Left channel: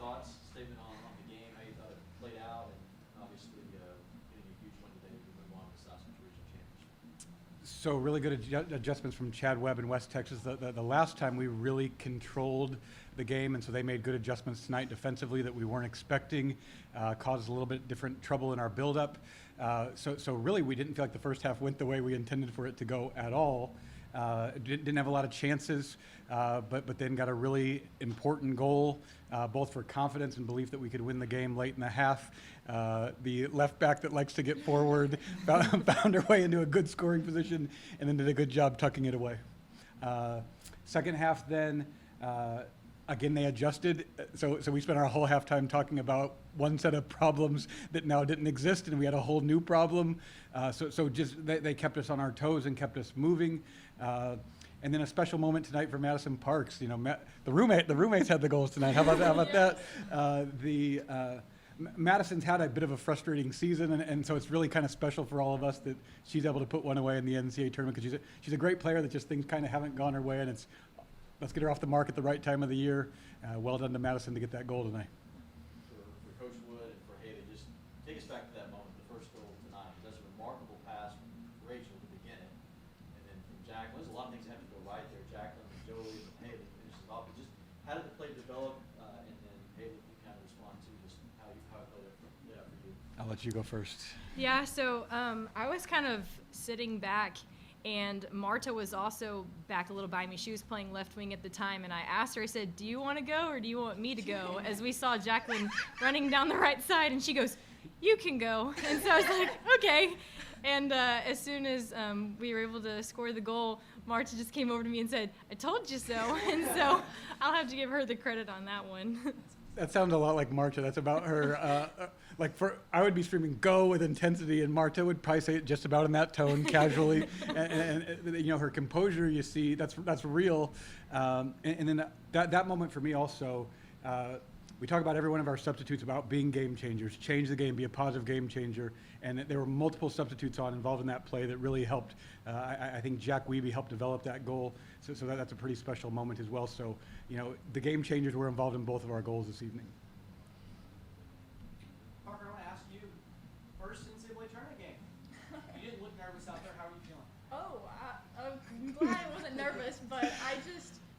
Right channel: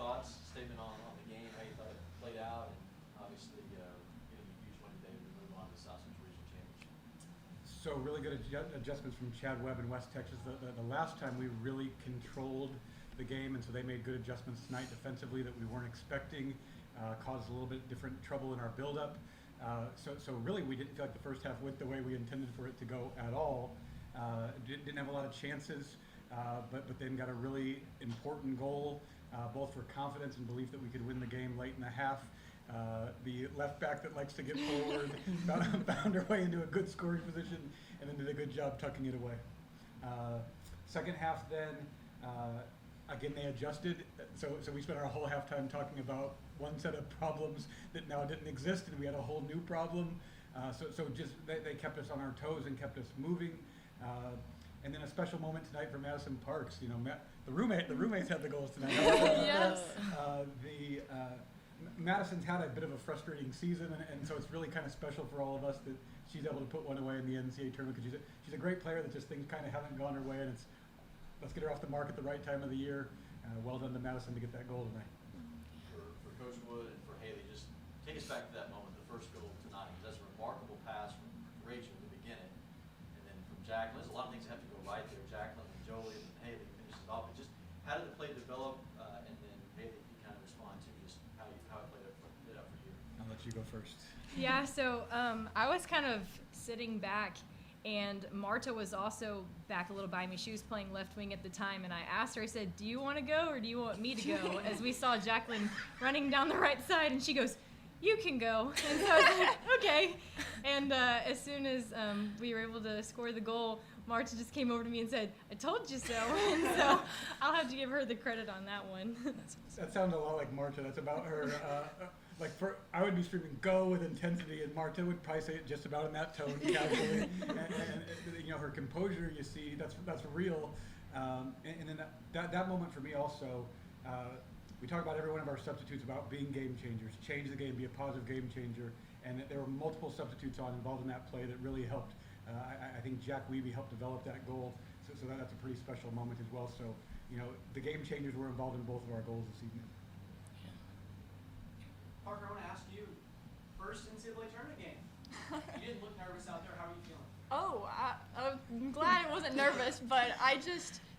thoughts, statement on the game, how you thought it played out, and obviously getting a huge win today to move on to the South Central Region Championship. So really good adjustments from Chad Webb in West Texas. The last time we really controlled the game, and so they made good adjustments tonight defensively that we weren't expecting, caused a little bit different trouble in our buildup. So really we didn't feel like the first half went the way we intended for it to go at all. Didn't have a lot of chances, but then got a really important goal, both for confidence and belief that we could win the game late in the half. The left back that likes to get forward found her way into a good scoring position and then did a good job tucking it away. Second half then, again, they adjusted. So we spent our whole halftime talking about one set of problems that now didn't exist, and we had a whole new problem. So just they kept us on our toes and kept us moving. And then a special moment tonight for Madison Parks. You know, the roommates had the goals tonight. How about Yes. that? Madison's had a bit of a frustrating season, and so it's really kind of special for all of us that she's able to put one away in the NCAA tournament, because she's a great player that just things kind of haven't gone her way, and let's get her off the mark at the right time of the year. Well done to Madison to get that goal tonight. For Coach Wood and for Haley, just take us back to that moment, the first goal tonight. That's a remarkable pass from Rachel to begin it, and then from Jacqueline. There's a lot of things that have to go right there. Jacqueline and Jolie and Haley finishes off. But just how did the play develop, and then Haley can kind of respond to just how it played out for you. I'll let you go first. Yeah, so I was kind of sitting back, and Marta was also back a little by me. She was playing left wing at the time, and I asked her, I said, do you want to go or do you want me to go? As we saw Jacqueline running down the right side, and she goes, you can go. And so I was like, okay. And as soon as we were able to score the goal, Marta just came over to me and said, I told you so. And so I'll have to give her the credit on that one. That sounds a lot like Marta. That's about her. I would be screaming "go" with intensity, and Marta would probably say it just about in that tone, casually. and you know, her composure, you see, that's real. And then that moment for me also. We talk about every one of our substitutes about being game changers, change the game, be a positive game changer. And there were multiple substitutes involved in that play that really helped. I think Jack Wiebe helped develop that goal, so that's a pretty special moment as well. So, you know, the game changers were involved in both of our goals this evening. Parker, I want to ask you, first NCAA tournament game. You didn't look nervous out there. How are you feeling? Oh, I'm glad I wasn't nervous, but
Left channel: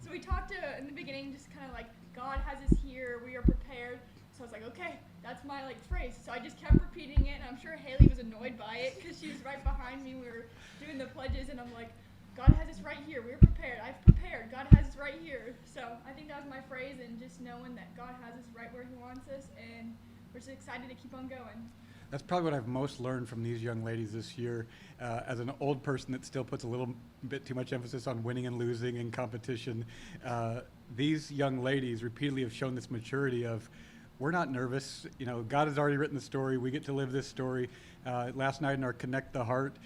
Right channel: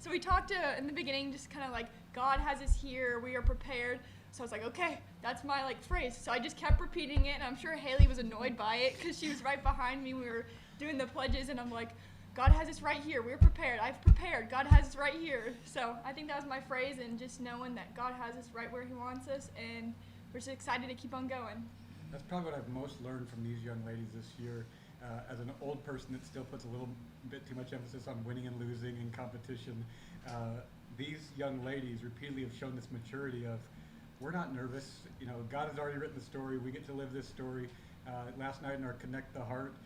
so we talked in the beginning, just kind of like, God has us here, we are prepared. So I was like, okay, that's my phrase. So I just kept repeating it, and I'm sure Haley was annoyed by it because she was right behind me. We were doing the pledges, and I'm like, God has us right here. We're prepared. I've prepared. God has us right here. So I think that was my phrase, and just knowing that God has us right where He wants us, and we're just excited to keep on going. That's probably what I've most learned from these young ladies this year. As an old person that still puts a little bit too much emphasis on winning and losing in competition, these young ladies repeatedly have shown this maturity of, we're not nervous. You know, God has already written the story. We get to live this story. Last night in our Connect the Heart,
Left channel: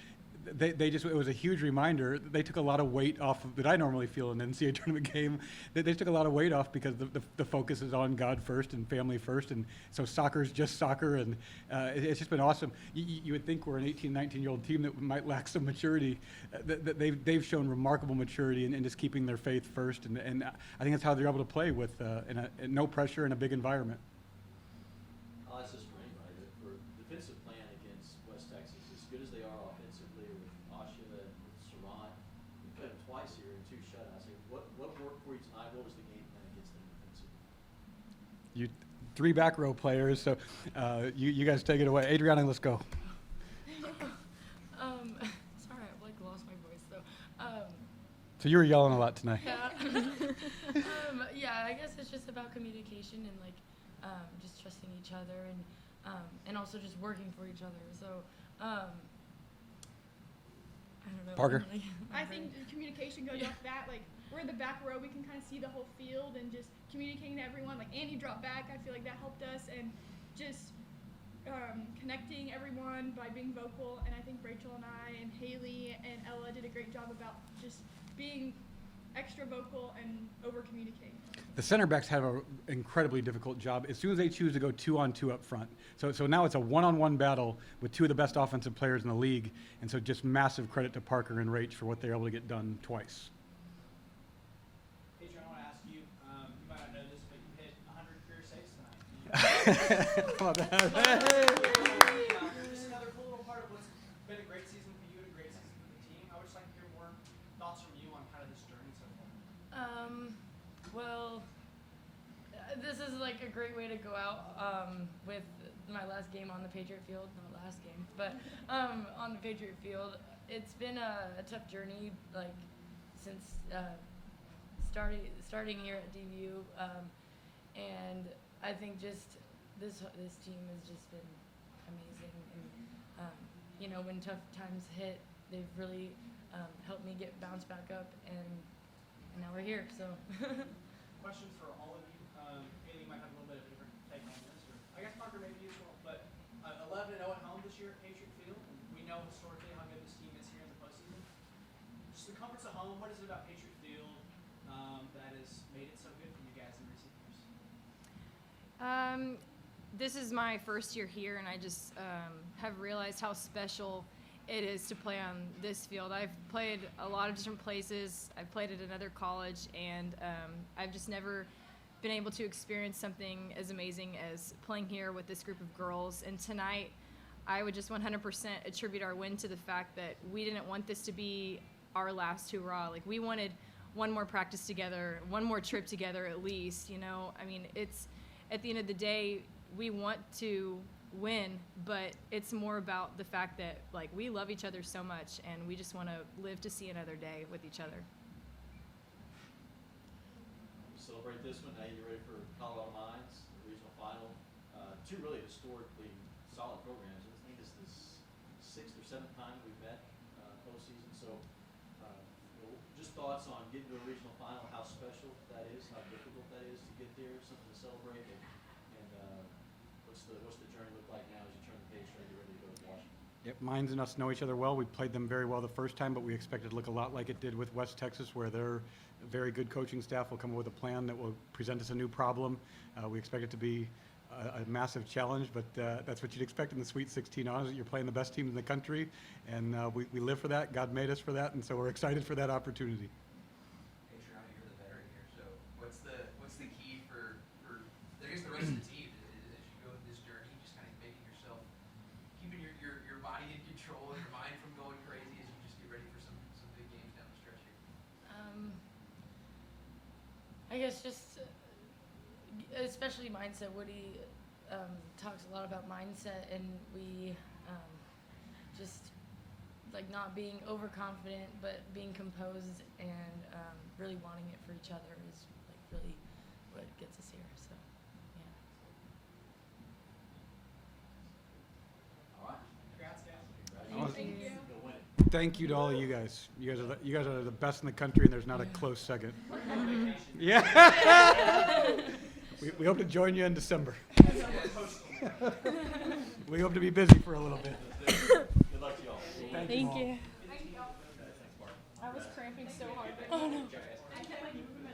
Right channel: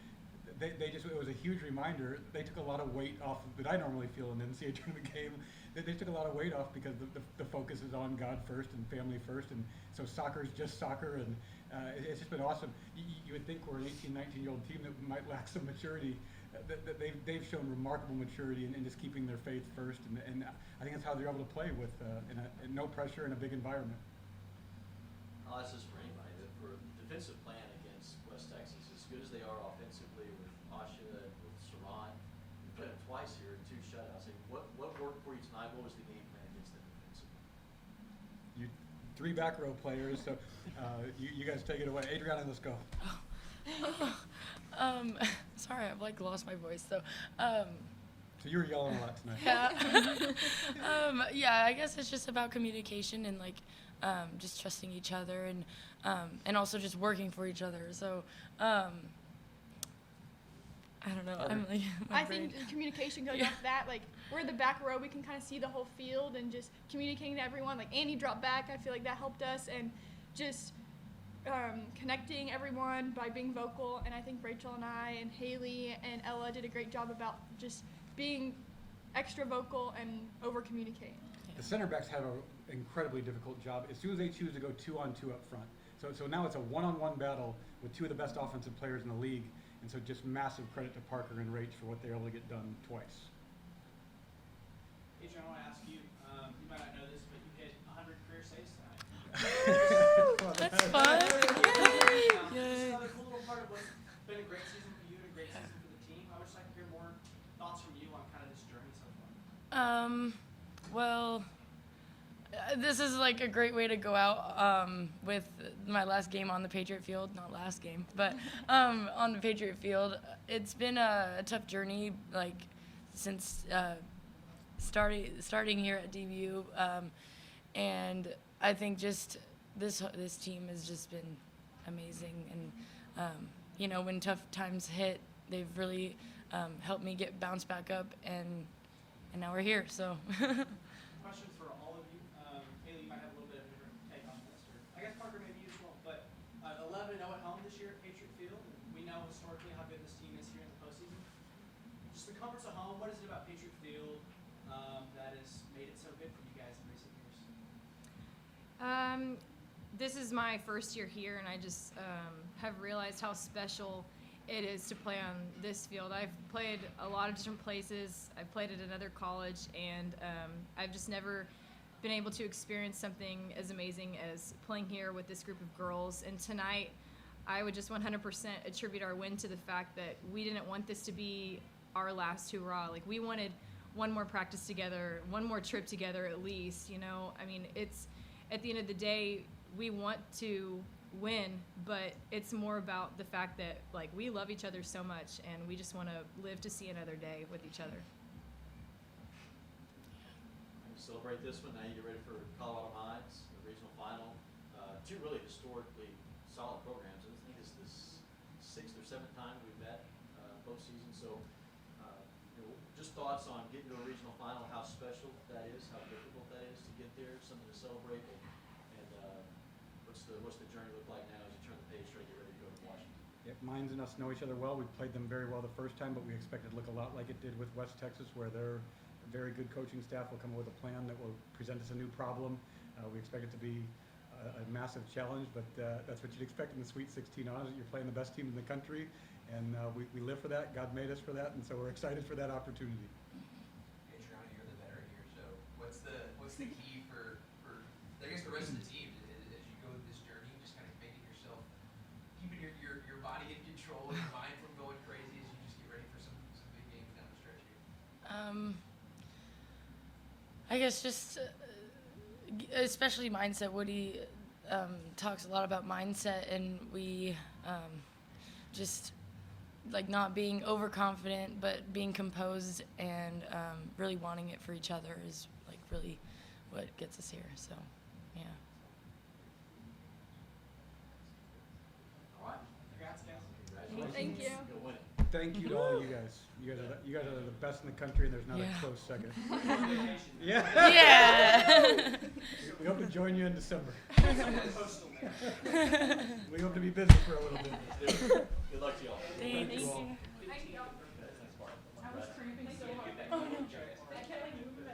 it was a huge reminder. They took a lot of weight off that I normally feel in an NCAA tournament game. They took a lot of weight off because the focus is on God first and family first. And so soccer's just soccer. And it's just been awesome. You would think we're an 18, 19-year-old team that might lack some maturity. They've shown remarkable maturity in just keeping their faith first. And I think that's how they're able to play with in no pressure in a big environment. I'll ask this for anybody, but for defensive plan against West Texas, as good as they are offensively with Asha and with Sarant, we played them twice here in 2 shutouts. What worked for you tonight? What was the game plan against them defensively? You 3 back row players, so you guys take it away. Adrianna, let's go. Sorry, I've lost my voice. So you were yelling a lot tonight. yeah. Yeah, I guess it's just about communication and just trusting each other and also just working for each other. So I don't know. Parker? Emily, my I brain. think communication goes off that. We're the back row. We can kind of see the whole field and just communicating to everyone. Andy dropped back. I feel like that helped us. And just connecting everyone by being vocal. And I think Rachel and I and Haley and Ella did a great job about just being extra vocal and over-communicating. The center backs have an incredibly difficult job as soon as they choose to go 2-on-2 up front. So now it's a one-on-one battle with 2 of the best offensive players in the league. And so just massive credit to Parker and Rach for what they're able to get done twice. Adrianna, I want to ask you, you might not know this, but you hit 100 career saves tonight. Oh, That's that- fun. Just another cool little part of what's been a great season for you and a great season for the team. I would just like to hear more thoughts from you on kind of this journey so far. Well, this is like a great way to go out with my last game on the Patriot field. Not last game, but on the Patriot field. It's been a tough journey, like since starting here at DBU, and I think just this team has just been amazing. And you know, when tough times hit, they've really helped me get bounced back up, and now we're here. So. Question for all of you. Haley, you might have a little bit of a different take on this, or I guess Parker, maybe you as well. But 11-0 at home this year at Patriot Field. We know historically how good this team is here in the postseason. Just the comforts of home. What is it about Patriot Field that has made it so good for you guys in recent years? This is my first year here, and I just have realized how special it is to play on this field. I've played a lot of different places. I've played at another college, and I've just never been able to experience something as amazing as playing here with this group of girls. And tonight, I would just 100% attribute our win to the fact that we didn't want this to be our last hurrah. Like, we wanted one more practice together, one more trip together at least, you know? I mean, it's, at the end of the day, we want to win, but it's more about the fact that, like, we love each other so much, and we just want to live to see another day with each other. Celebrate this one. Now you get ready for Colorado Mines, the regional final. Two really historically solid programs. I think it's the sixth or seventh time we've met postseason. So, you know, just thoughts on getting to a regional final, how special that is, how difficult that is to get there, something to celebrate, and what's the journey look like now as you turn the page, try to get ready to go to Washington? Yep, Mines and us know each other well. We played them very well the first time, but we expect it to look a lot like it did with West Texas, where their very good coaching staff will come up with a plan that will present us a new problem. We expect it to be a massive challenge, but that's what you'd expect in the Sweet 16 honors. You're playing the best team in the country, and we live for that. God made us for that, and so we're excited for that opportunity. Adrianna, you're the veteran here, so what's the key for I guess the rest of the team as you go through this journey, just kind of making yourself, keeping your body in control and your mind from going crazy as you just get ready for some big games down the stretch here? I guess just especially mindset. Woody talks a lot about mindset, and we just like not being overconfident, but being composed and really wanting it for each other is like really what gets us here. So, yeah. All right. Congrats, guys. Congratulations. Thank you. You'll win. Thank you to all of you guys. You guys are the best in the country, and there's not Yeah. a close second. On vacation. Yeah. Yeah. We hope to join you in December. Postgame. We hope to be busy for a little bit. Good luck to you all. Thank you. all. I was cramping so hard. Oh no. Enjoy it.